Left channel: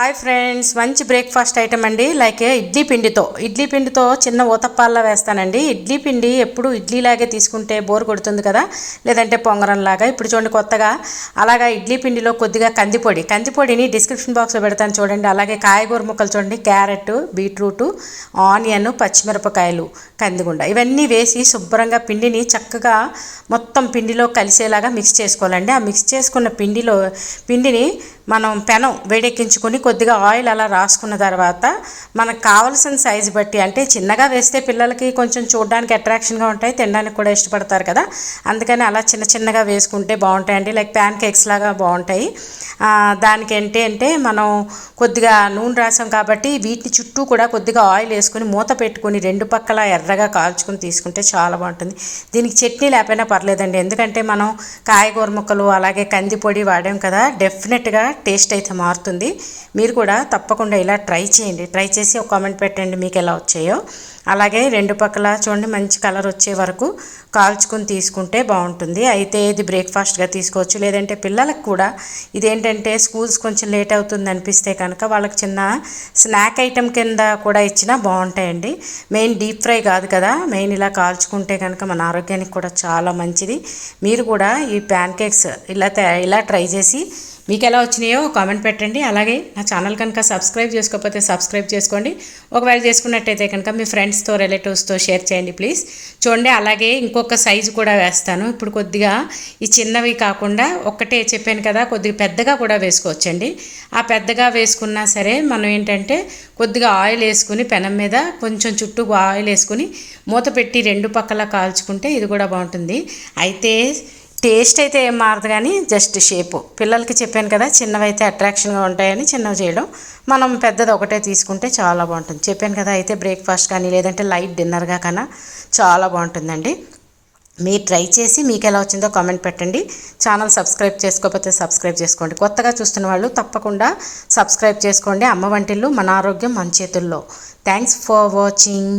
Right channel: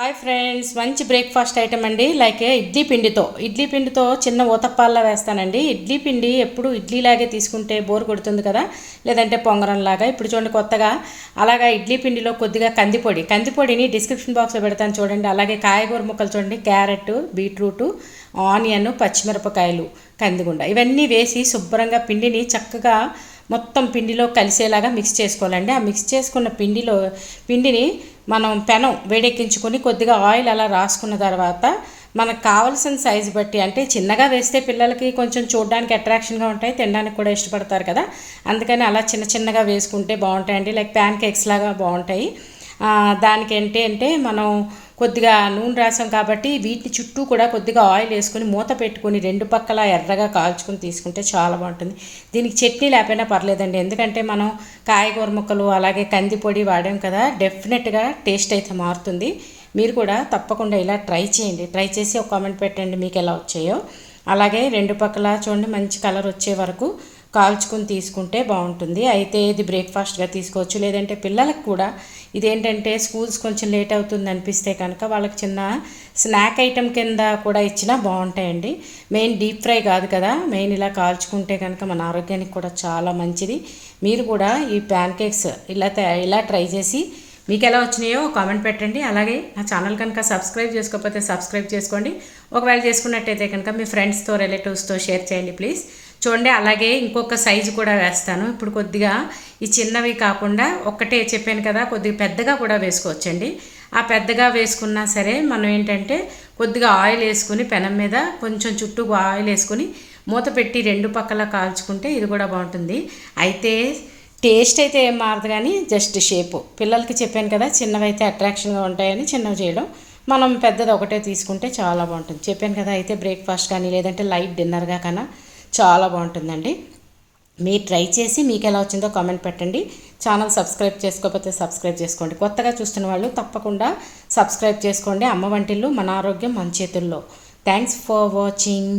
Hi friends, మంచి breakfast item అండి. Like idli పిండితో చిన్న ఊతప్పాల్లో వేస్తానండి. ఇడ్లీ పిండి ఎప్పుడు ఇడ్లీలాగే తీసుకుంటే బోర్ కొడుతుంది కదా, లేదంటే పొంగరంలాగా. ఇప్పుడు చూడండి కొత్తగా అలాగా ఇడ్లీ పిండిలో కొద్దిగా కందిపొడిని డిస్క్రిప్షన్ బాక్స్లో పెడతాను చూడండి. అలాగే కాయగూర ముక్కలు చూడండి, క్యారెట్, బీట్రూట్, ఆనియన్, పచ్చిమిరపకాయలు, కందిగుండ ఇవన్నీ వేసి శుభ్రంగా పిండిని చక్కగా మొత్తం పిండిలో కలిసేలాగా మిక్స్ చేసుకోవాలండి. ఆ మిక్స్ చేసుకున్న పిండిని మనం పెనం వేడెక్కించుకొని కొద్దిగా ఆయిల్ అలా రాసుకున్న తర్వాత మనకు కావాల్సిన సైజు బట్టి, అంటే చిన్నగా వేస్తే పిల్లలకి కొంచెం చూడడానికి అట్రాక్షన్గా ఉంటాయి, తినడానికి కూడా ఇష్టపడతారు కదా, అందుకని అలా చిన్నగా వేసుకుంటే బాగుంటాయండి. లైక్ ప్యాన్ కేక్స్ లాగా బాగుంటాయి. దానికి ఏంటంటే మనం కొద్దిగా నూనె రాసాం కాబట్టి వీటి చుట్టూ కూడా కొద్దిగా ఆయిల్ వేసుకొని మూత పెట్టుకొని రెండు పక్కల ఎర్రగా కాల్చుకొని తీసుకుంటే చాలా బాగుంటుంది. దీనికి చట్నీ లేకపోయినా పర్లేదండి, ఎందుకంటే మనం కాయగూర ముక్కలు అలాగే కందిపొడి వాడాం కదా, డెఫినెట్గా టేస్ట్ అయితే మారుతుంది. మీరు కూడా తప్పకుండా ఇలా ట్రై చేయండి. ట్రై చేసి ఒక కామెంట్ పెట్టండి మీకు ఎలా వచ్చాయో. అలాగే రెండు పక్కల చూడండి మంచి కలర్ వచ్చే వరకు కాల్చుకొని తీసుకుంటే బాగుంటుంది. అయితే ఇది బ్రేక్ఫాస్ట్గా తీసుకోవచ్చు, లేదంటే పిల్లలకు కూడా ఇదేంటంటే స్కూల్స్ కొంచెం లేట్ అవుతుంది అనిపిస్తే కనుక వాళ్ళకి చిన్న స్నాక్ ఐటెం కింద కూడా ఇచ్చినా బాగుంటాయండి. మెయిన్ డీప్ ఫ్రై కాదు కదా, మెయిన్ ఇలా కాల్చుకుంటే కనుక మన ఆరోగ్యానికి కూడా చాలా మంచిది. మీరు కూడా ఈ ప్యాన్ కేక్స్ ఇలా ట్రై చేసి మీకు ఎలా వచ్చినాయో కామెంట్ పెట్టండి. అలాగే నా ఛానల్ కనుక సబ్స్క్రైబ్ చేసుకోకపోతే సబ్స్క్రైబ్ చేసుకోండి. ఒకవేళ చేసుకున్నట్టయితే కనుక మీ ఫ్రెండ్స్తో రిలేటివ్స్తో షేర్ చేయండి ప్లీజ్. చూడండి అలాగే ఇంకొక సైజు కూడా వేస్తాను. ఇప్పుడు కొద్దిగా ఈ చిన్నవి కాకుండా ఒక్కటే చెప్పాను కదా, కొద్దిగా పెద్దగా కూడా వేసుకోవచ్చండి. ఆ పెద్దగా వేసుకున్నా సరే మనం ఏంటంటే కొద్దిగా ఆయిల్ వేసుకుని పెనం మీద కొంచెం చుట్టూ ఆయిల్ వేసుకుని మూత పెట్టి రెండు పక్కల కాల్చుకుంటే ఇది కూడా బాగుంటుంది. అయితే టేస్ట్ అయితే ఏం మారదు, కానీ జస్ట్ షేపు. పిల్లలకి చెప్పాను కదా చిన్నవి అయితే అట్రాక్షన్గా ఉంటాయని చిన్నవి చేయడం, మనం పెద్దది ఒకటే తీసుకుంటే చాలా బాగుంటుంది. చెప్పాను కదా, అయితే బ్రేక్ఫాస్ట్ కానీ లేదంటే లైట్ డిన్నర్గా కన్నా చాలా బాగుంటుందండి. మీరు ట్రై చేసి మీకు ఎలా వచ్చిందో కామెంట్ పెట్టండి. ఛానల్ సబ్స్క్రైబ్ చేసుకోకపోతే సబ్స్క్రైబ్ చేసుకోండి. కొత్తగా చూస్తున్న వాళ్ళు తప్పకుండా సబ్స్క్రైబ్ చేసుకోండి. అమ్మ వంటిల్లు, మన ఆరోగ్యం మన చేతుల్లో. Thanks for watching.